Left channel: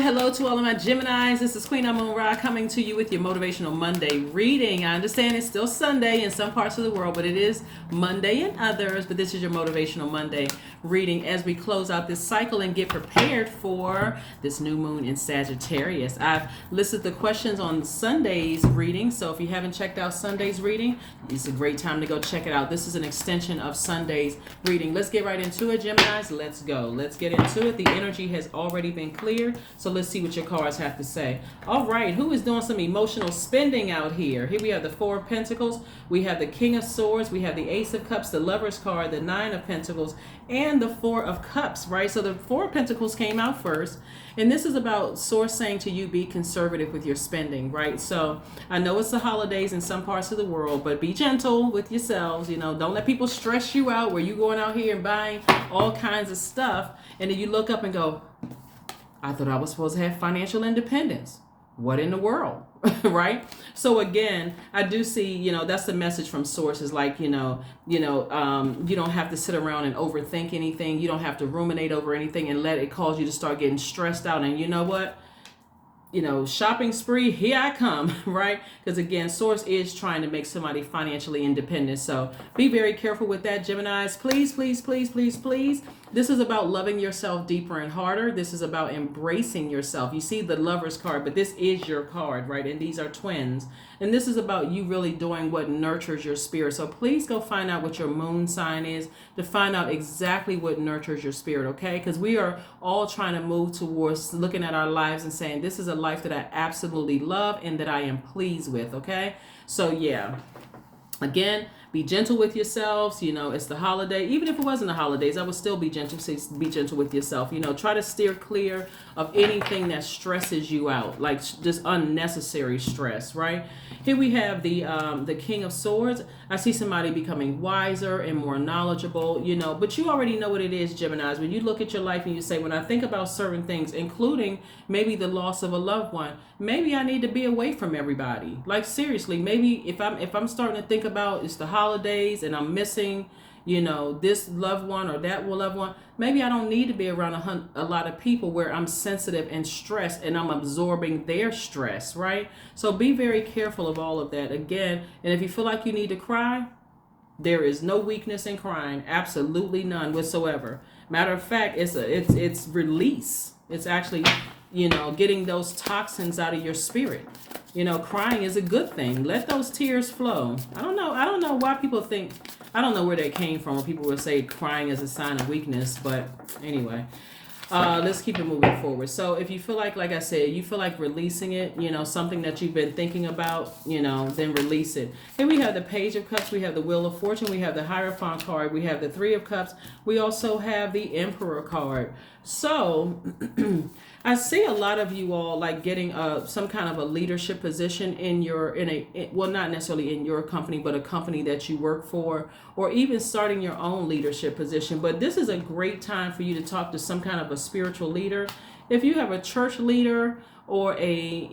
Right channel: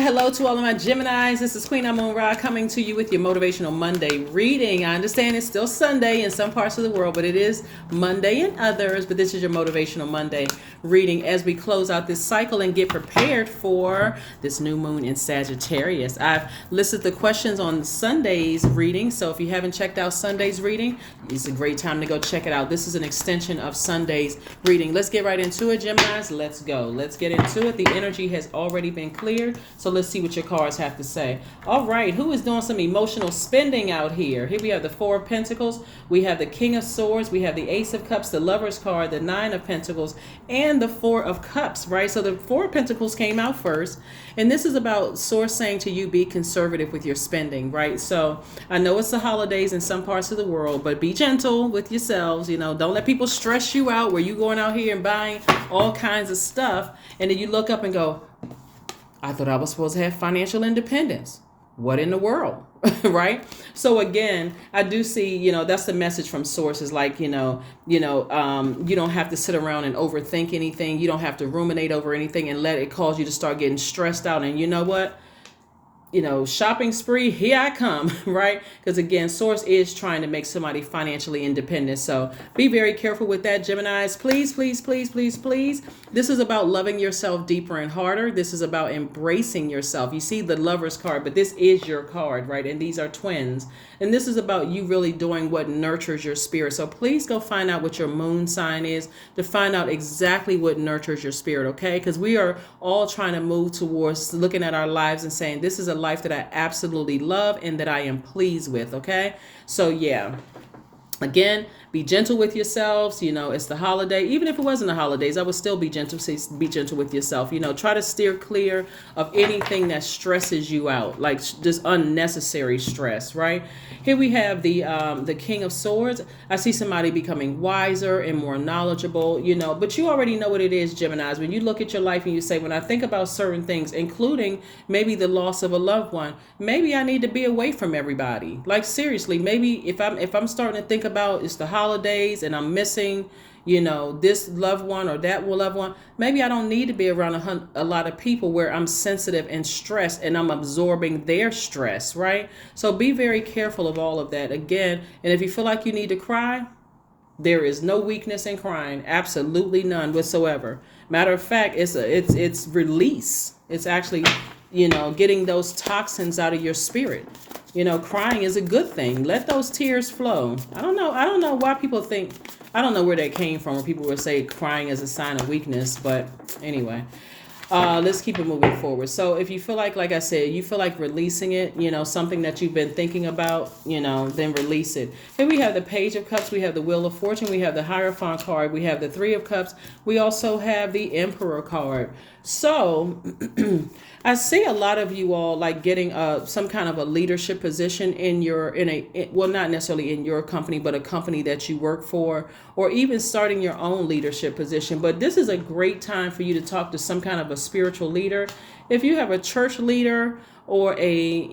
Hello to all of my Geminis. This is Queen Amon Ra coming to you with your Motivational Monday reading. I understand it's still Sunday in some parts of the world, but it is Monday in others. But this is your Motivational Monday reading as we close out this cycle and get prepared for this new moon in Sagittarius. I've listed the questions on Sunday's reading, so if you haven't checked out Sunday's reading, it's a great time to go check it out. This is an extension of Sunday's reading. Let's get right into it, Geminis. Let's go. Let's get into it. The energy has already been cleared, so let's see what your cards have to say. All right, who is doing some emotional spending out here? Here we have the Four of Pentacles, we have the King of Swords, we have the Ace of Cups, the Lover's card, the Nine of Pentacles, and the Four of Cups, right? So the Four of Pentacles came out first, and this is about Source saying to you, be conservative with your spending, right? So I know it's the holidays in some parts of the world, but be gentle with yourselves. Don't let people stress you out where you going out here and buying all kinds of stuff, and then you look up and go, I thought I was supposed to have financial independence. What in the world? Right? So again, I do see, that's the message from sources like, you don't have to sit around and overthink anything. You don't have to ruminate over anything and let it cause you to start getting stressed out. And you know what? Shopping spree, here I come, right? Because again, Source is trying to make somebody financially independent. So be very careful with that, Geminis. Please, please, please, please, please. This is about loving yourself deeper and harder. This is about embracing yourself. You see the Lover's card, but this is your card, right? And these are twins. And this is about you really doing what nurtures your spirit. So please go find out what your moon sign is to find out exactly what nurtures your spirit, okay? Because we are all trying to move towards looking at our lives and saying, this is a life that I absolutely love and that I am pleased with, okay? So yeah, again, be gentle with yourselves. It's the holiday. Even if it wasn't the holidays, I would still be gentle. Be gentle with yourself. Try to steer clear of anything that stresses you out, like just unnecessary stress, right? Here we have the King of Swords. I see somebody becoming wiser and more knowledgeable, but you already know what it is, Geminis. When you look at your life and you say, when I think about certain things, including maybe the loss of a loved one, maybe I need to be away from everybody. Like seriously, maybe if I'm starting to think about it's the holidays and I'm missing, this loved one or that loved one, maybe I don't need to be around a lot of people where I'm sensitive and stressed and I'm absorbing their stress, right? So be very careful of all of that. Again, and if you feel like you need to cry, there is no weakness in crying, absolutely none whatsoever. Matter of fact, it's release. It's actually, getting those toxins out of your spirit. Crying is a good thing. Let those tears flow. I don't know why people think, I don't know where that came from, when people would say crying is a sign of weakness, but anyway, let's keep it moving forward. So if you feel like I said, you feel like releasing it, something that you've been thinking about, then release it. Then we have the Page of Cups, we have the Wheel of Fortune, we have the Hierophant card, we have the Three of Cups, we also have the Emperor card. So I see a lot of you all like getting some kind of a leadership position well, not necessarily in your company, but a company that you work for, or even starting your own leadership position. But this is a great time for you to talk to some kind of a spiritual leader. If you have a church leader or a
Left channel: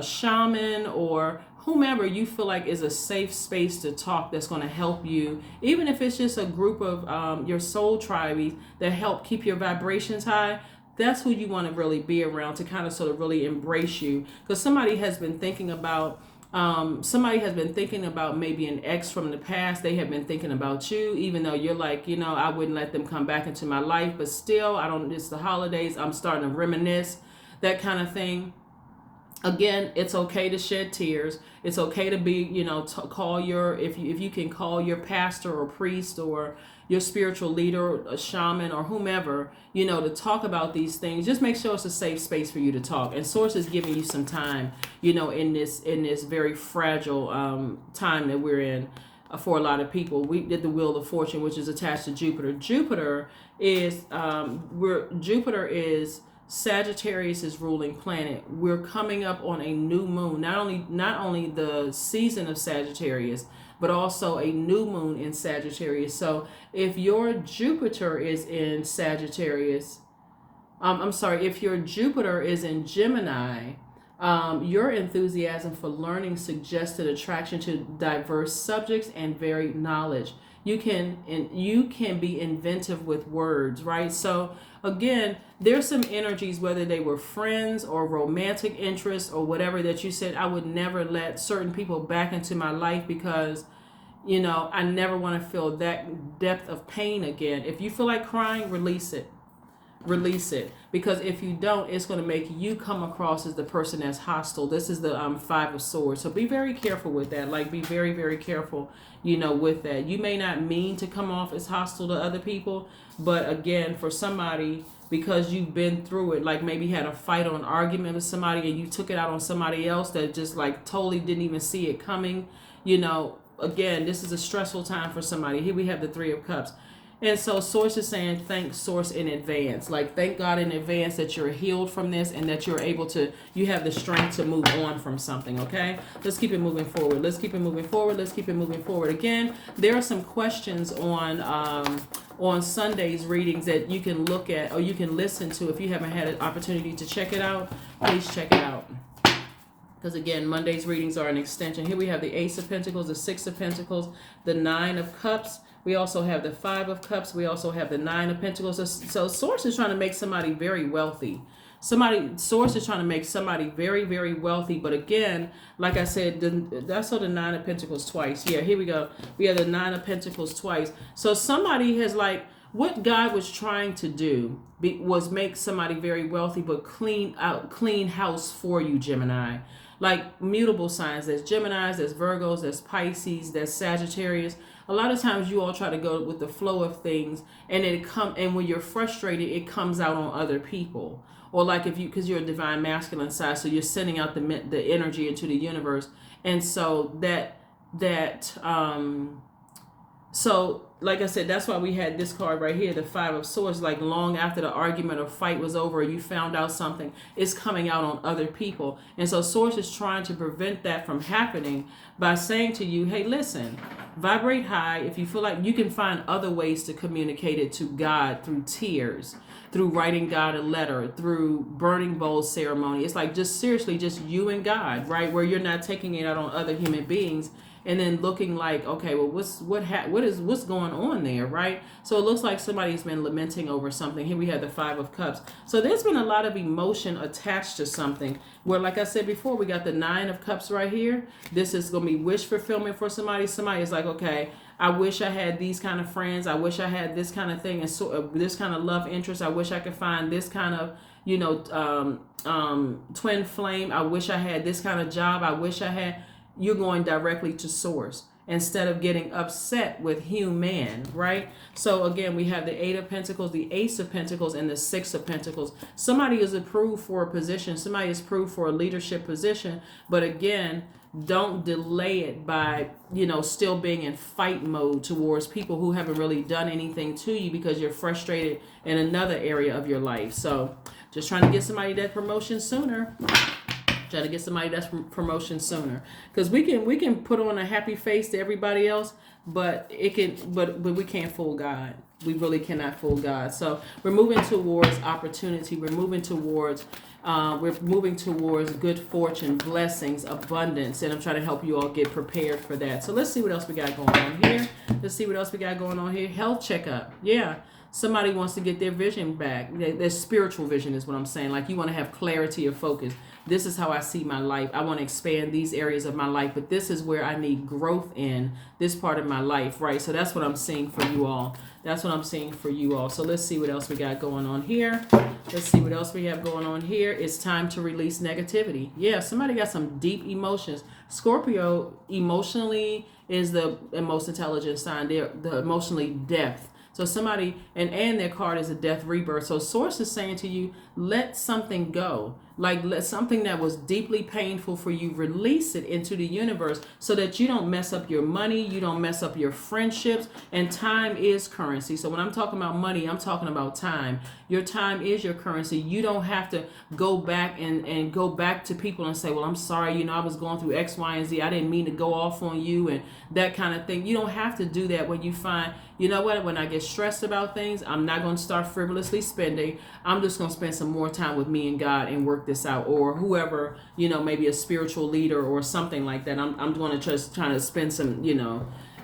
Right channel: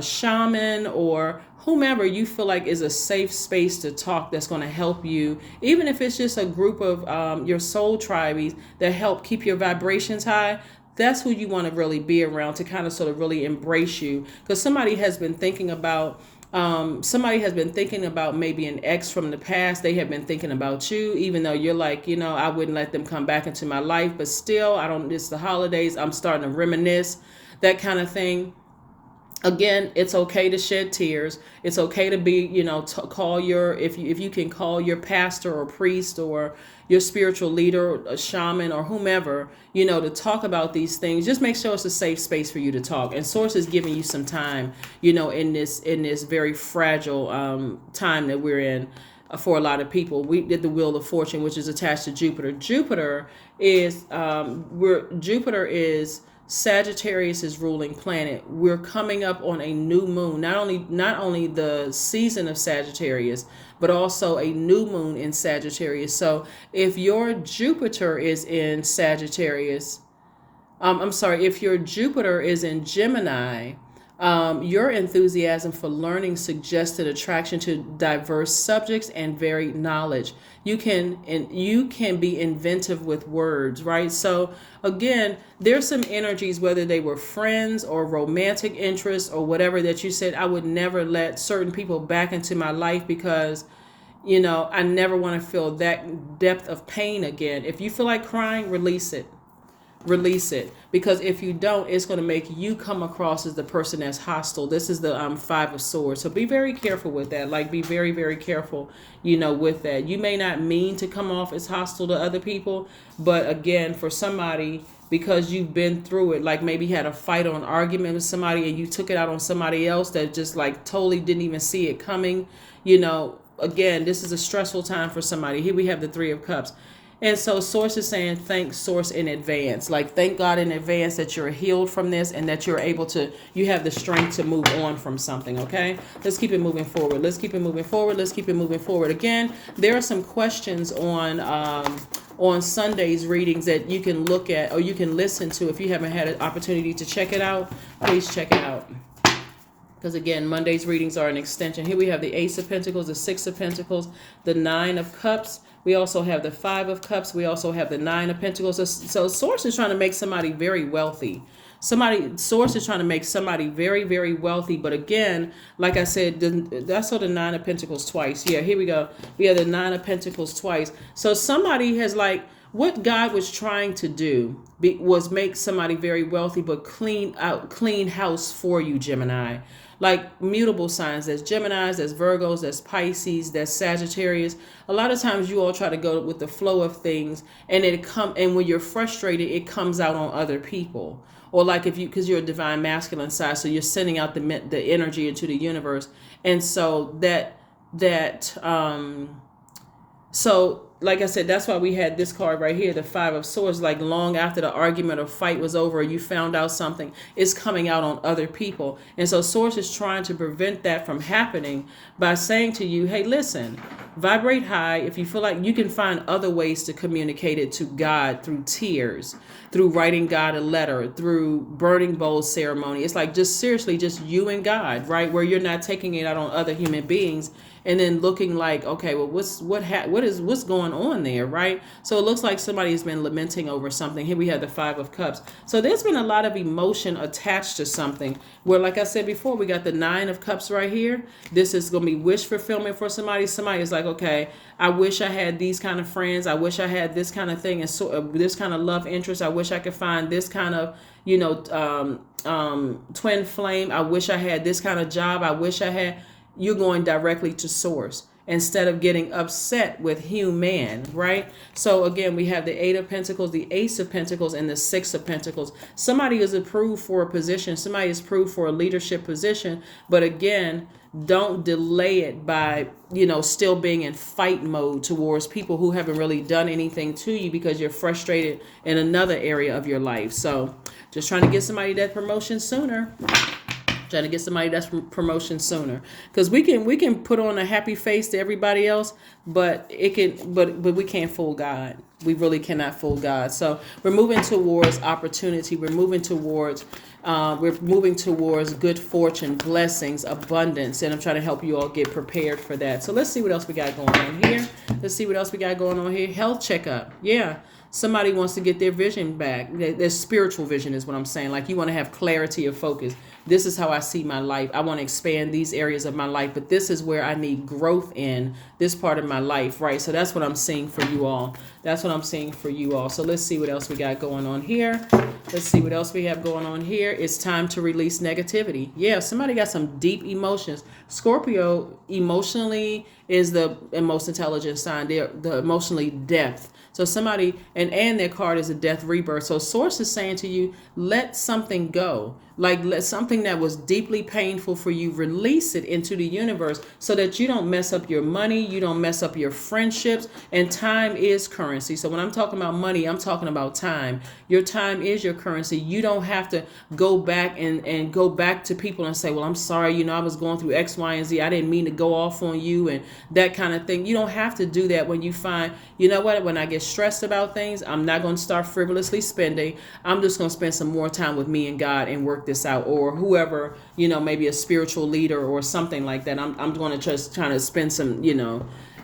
shaman or whomever you feel like is a safe space to talk, that's going to help you, even if it's just a group of your soul tribes that help keep your vibrations high, that's who you want to really be around to kind of sort of really embrace you. Because somebody has been thinking about maybe an ex from the past. They have been thinking about you, even though you're like, I wouldn't let them come back into my life, but still, it's the holidays, I'm starting to reminisce, that kind of thing. Again, it's okay to shed tears. It's okay to be, call if you can call your pastor or priest or your spiritual leader, a shaman or whomever, to talk about these things. Just make sure it's a safe space for you to talk. And Source is giving you some time, in this very fragile time that we're in for a lot of people. We did the Wheel of Fortune, which is attached to Jupiter. Jupiter is Sagittarius' ruling planet. We're coming up on a new moon, not only the season of Sagittarius, but also a new moon in Sagittarius. So if your Jupiter is in Sagittarius, if your Jupiter is in Gemini, your enthusiasm for learning suggested attraction to diverse subjects and varied knowledge. You can, and you can be inventive with words, right? So again, there's some energies, whether they were friends or romantic interests or whatever, that you said, I would never let certain people back into my life because, I never want to feel that depth of pain again. If you feel like crying, release it. Release it, because if you don't, it's going to make you come across as the person that's hostile. This is the Five of Swords, so be very careful with that. Like, be very, very careful, with that. You may not mean to come off as hostile to other people, but again, for somebody, because you've been through it, like maybe had a fight or an argument with somebody and you took it out on somebody else that just like totally didn't even see it coming, again, this is a stressful time for somebody. Here we have the Three of Cups. And so Source is saying, thank Source in advance. Like, thank God in advance that you're healed from this and that you're able to, you have the strength to move on from something, okay? Let's keep it moving forward. Let's keep it moving forward. Let's keep it moving forward. Again, there are some questions on Sunday's readings that you can look at or you can listen to. If you haven't had an opportunity to check it out, please check it out. Because again, Monday's readings are an extension. Here we have the Ace of Pentacles, the Six of Pentacles, the Nine of Cups. We also have the Five of Cups. We also have the Nine of Pentacles. So Source is trying to make somebody very wealthy. Source is trying to make somebody very, very wealthy. But again, like I said, that's the Nine of Pentacles twice. Yeah, here we go. We have the Nine of Pentacles twice. So somebody has what God was trying to do was make somebody very wealthy, but clean house for you, Gemini. Like mutable signs, there's Geminis, there's Virgos, there's Pisces, there's Sagittarius. A lot of times you all try to go with the flow of things, and and when you're frustrated, it comes out on other people. Or like because you're a divine masculine side, so you're sending out the energy into the universe, and so so like I said, that's why we had this card right here, the Five of Swords. Like long after the argument or fight was over, you found out something, is coming out on other people. And so Source is trying to prevent that from happening by saying to you, hey, listen, vibrate high. If you feel like you can find other ways to communicate it to God, through tears, through writing God a letter, through burning bowls ceremony. It's like just seriously, just you and God, right? Where you're not taking it out on other human beings and then looking like, okay, well, what's going on there, right? So it looks like somebody's been lamenting over something. Here we have the Five of Cups. So there's been a lot of emotion attached to something where, like I said before, we got the Nine of Cups right here. This is going to be wish fulfillment for somebody. Somebody is like, okay, I wish I had these kind of friends. I wish I had this kind of thing, and so this kind of love interest. I wish I could find this kind of, twin flame. I wish I had this kind of job. I wish I had. You're going directly to Source instead of getting upset with human, right? So again, we have the Eight of Pentacles, the Ace of Pentacles, and the Six of Pentacles. Somebody is approved for a position. Somebody is approved for a leadership position. But again, don't delay it by, still being in fight mode towards people who haven't really done anything to you because you're frustrated in another area of your life. So just trying to get somebody that promotion sooner. Trying to get somebody that's promotion sooner, because we can put on a happy face to everybody else, but we can't fool God. We really cannot fool God. So we're moving towards opportunity. We're moving towards good fortune, blessings, abundance, and I'm trying to help you all get prepared for that. So let's see what else we got going on here. Health checkup. Yeah. Somebody wants to get their vision back. Their spiritual vision is what I'm saying. Like, you want to have clarity of focus. This is how I see my life. I want to expand these areas of my life, but this is where I need growth in this part of my life, right? So that's what I'm seeing for you all. So let's see what else we got going on here. It's time to release negativity. Yeah, somebody got some deep emotions. Scorpio emotionally is the most intelligent sign. They're the emotionally depth. So somebody, and their card is a death rebirth. So Source is saying to you, let something go. Like, let something that was deeply painful for you, release it into the universe so that you don't mess up your money, you don't mess up your friendships, and time is currency. So when I'm talking about money, I'm talking about time. Your time is your currency. You don't have to go back and go back to people and say, well, I'm sorry, I was going through X, Y, and Z. I didn't mean to go off on you and that kind of thing. You don't have to do that when you find, when I get stressed about things, I'm not going to start frivolously spending. I'm just going to spend some more time with me and God and work this out, or whoever, maybe a spiritual leader or something like that. I'm going to just trying to spend some,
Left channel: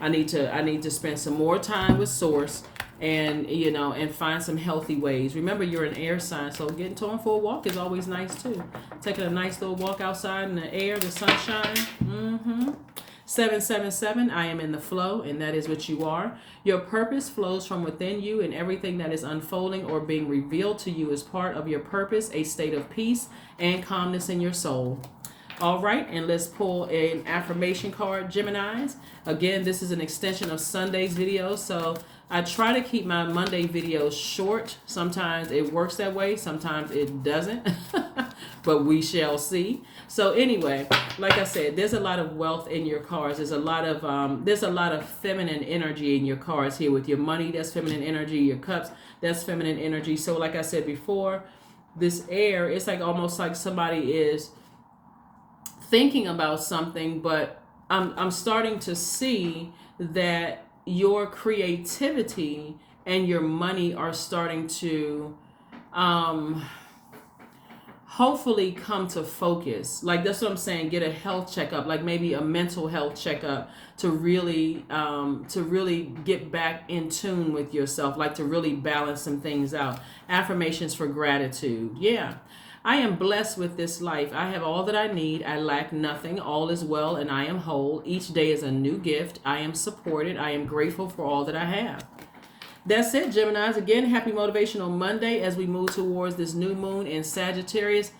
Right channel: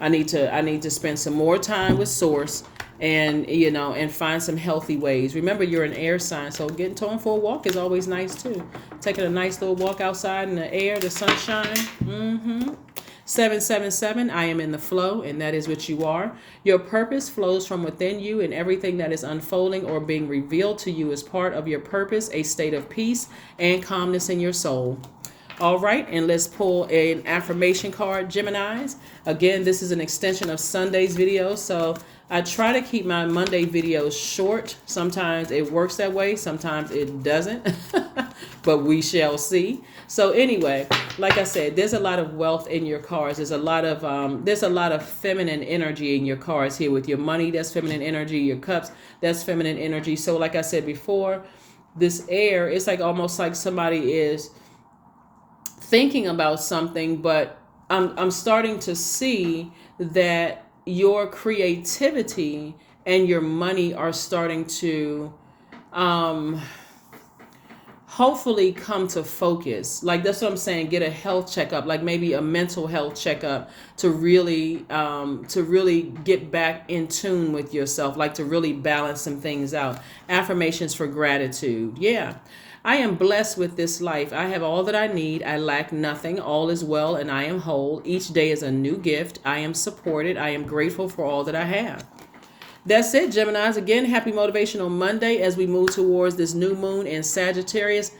I need to spend some more time with Source, and and find some healthy ways. Remember, you're an air sign, so getting going for a walk is always nice too. Taking a nice little walk outside in the air, the sunshine. 777, I am in the flow, and that is what you are. Your purpose flows from within you, and everything that is unfolding or being revealed to you is part of your purpose, a state of peace and calmness in your soul. All right, and let's pull an affirmation card, Geminis. Again, this is an extension of Sunday's video, so I try to keep my Monday videos short. Sometimes it works that way, sometimes it doesn't, but we shall see. So anyway, like I said, there's a lot of wealth in your cards. There's a lot of feminine energy in your cards here. With your money, that's feminine energy. Your cups, that's feminine energy. So like I said before, this air, it's like almost like somebody is thinking about something, but I'm starting to see that your creativity and your money are starting to hopefully come to focus. Like, that's what I'm saying. Get a health checkup, like maybe a mental health checkup, to really get back in tune with yourself, like to really balance some things out. Affirmations for gratitude. Yeah. I am blessed with this life. I have all that I need. I lack nothing. All is well and I am whole. Each day is a new gift. I am supported. I am grateful for all that I have. That's it, Geminis. Again, happy Motivational Monday as we move towards this new moon in Sagittarius.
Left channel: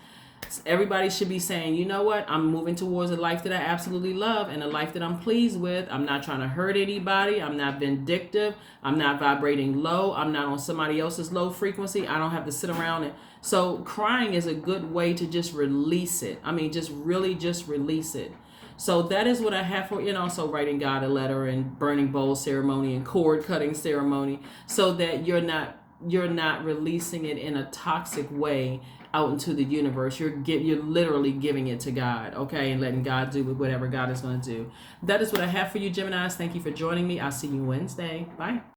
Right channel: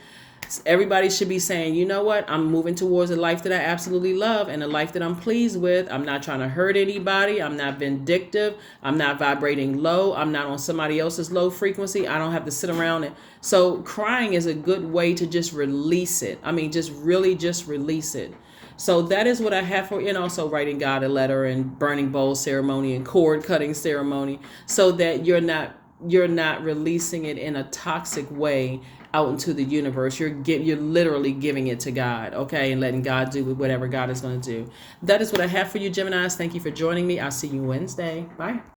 Everybody should be saying, you know what? I'm moving towards a life that I absolutely love and a life that I'm pleased with. I'm not trying to hurt anybody. I'm not vindictive. I'm not vibrating low. I'm not on somebody else's low frequency. I don't have to sit around and... So crying is a good way to just release it. I mean, just release it. So that is what I have for, and also writing God a letter and burning bowl ceremony and cord cutting ceremony, so that you're not releasing it in a toxic way out into the universe. You're literally giving it to God, okay, and letting God do whatever God is going to do. That is what I have for you, Geminis. Thank you for joining me. I'll see you Wednesday. Bye.